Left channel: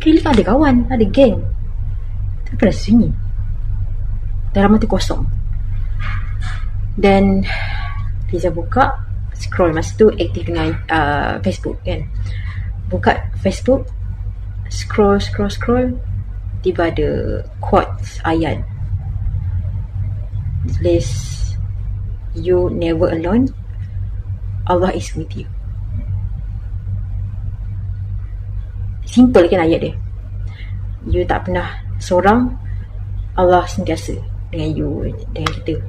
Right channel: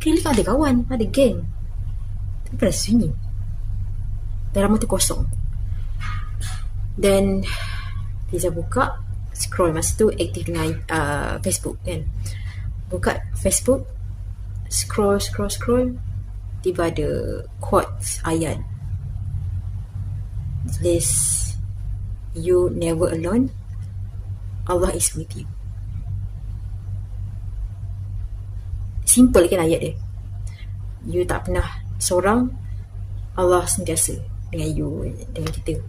Kira tak ada kawan, ada geng. Tapi pada sunyi. Dalam mata kosong. Dan Fiza buka, scroll. Masa tu aktif dengan Facebook kan. Buka Facebook, scroll. Tiba ada quotes ayat. Tulis, you never alone, Allah is with you. Simple kan ayat dia. You tak pernah seorang, Allah sentiasa dengan you, dengan kita.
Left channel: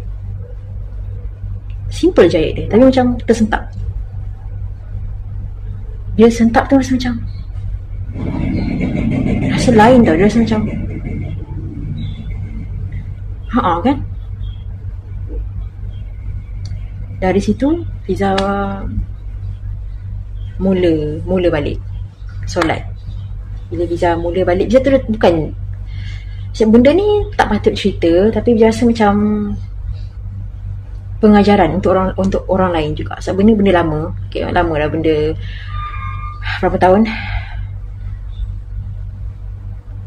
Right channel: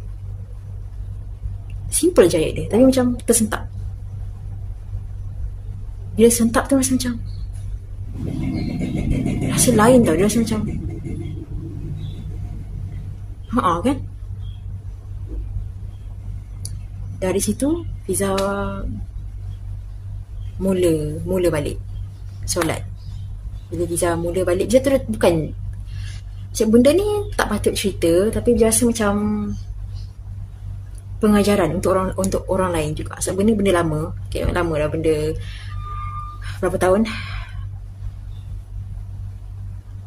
Simple je ayat dia, tapi macam tersentak. Bila sentak tu rasa macam rasa lain tau. Dia rasa macam kan. Dari situ Fiza mula balik solat. Bila Fiza mula balik, Fiza terus bukan benda ni tak patut cerita, tapi Fiza rasa macam pengajaran untuk orang lain juga. Sebab benda lama. Okay, lama dah benda. Berapa tahun?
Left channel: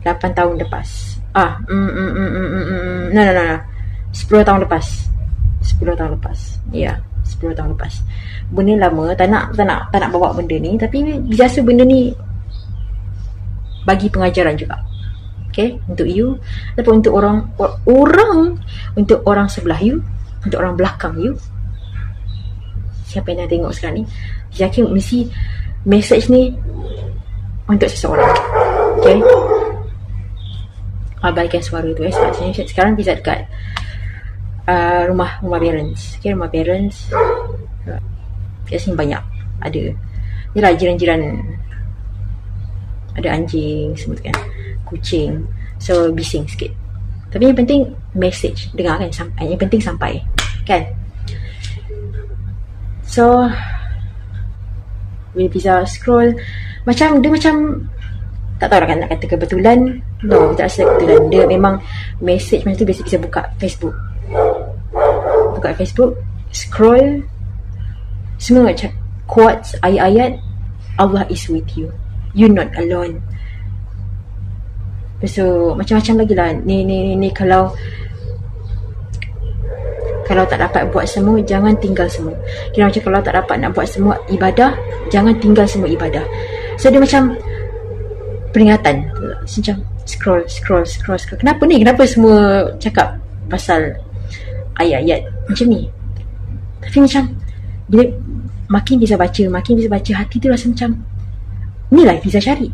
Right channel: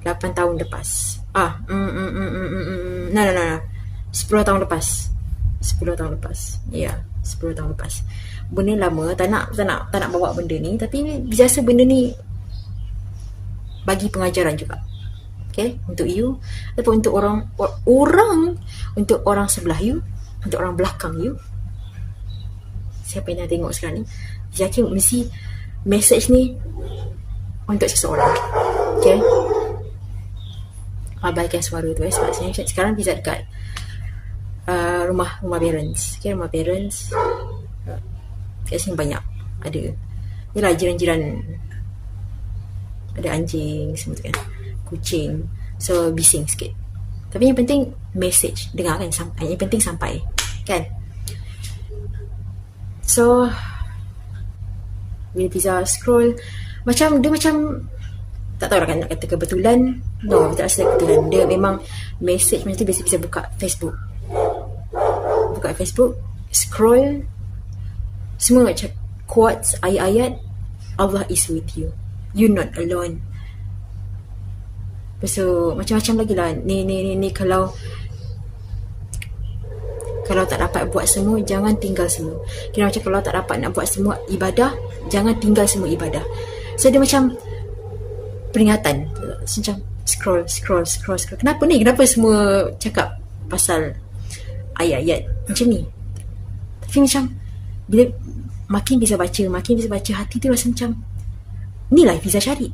8 tahun lepas. 10 tahun lepas. 10 tahun lepas. Ya, 10 tahun lepas. Benda lama, tak nak bawa benda ni, tapi biasa benda ni bagi pengajaran juga. Okay, untuk you ataupun untuk orang untuk orang sebelah you, untuk orang belakang you. Siapa yang dah tengok sekarang ni, yakin mesti message ni untuk seseorang. Okay, abaikan suara tu sebab sekarang Fiza dekat rumah parents. Okay, rumah parents kat sini banyak ada yelah jiran-jiran, ada anjing semua tu kan, kucing, so bising sikit. Tapi yang penting message dengar kan, yang penting sampai kan. So bila Fiza scroll, macam dia macam tak tahu lah kan nak kata kebetulan. No, tak rasa kebetulan. Dia memang message macam tu. Biasa Fiza buka Facebook, scroll, semua macam quotes, ayat-ayat, Allah is with you, you're not alone. So macam-macam lagi lah. Ni kalau tak dapat buat semua, jangan tinggal semua. Kira macam kalau tak dapat nak buat semua ibadah, jangan tinggal semua ibadah. So dia macam peringatan. Macam scroll. Kenapa ni? Kenapa semua cakap pasal ayat-ayat macam ni? Tapi macam bila makin bisa baca, hati tu rasa macam inilah Fiza cari.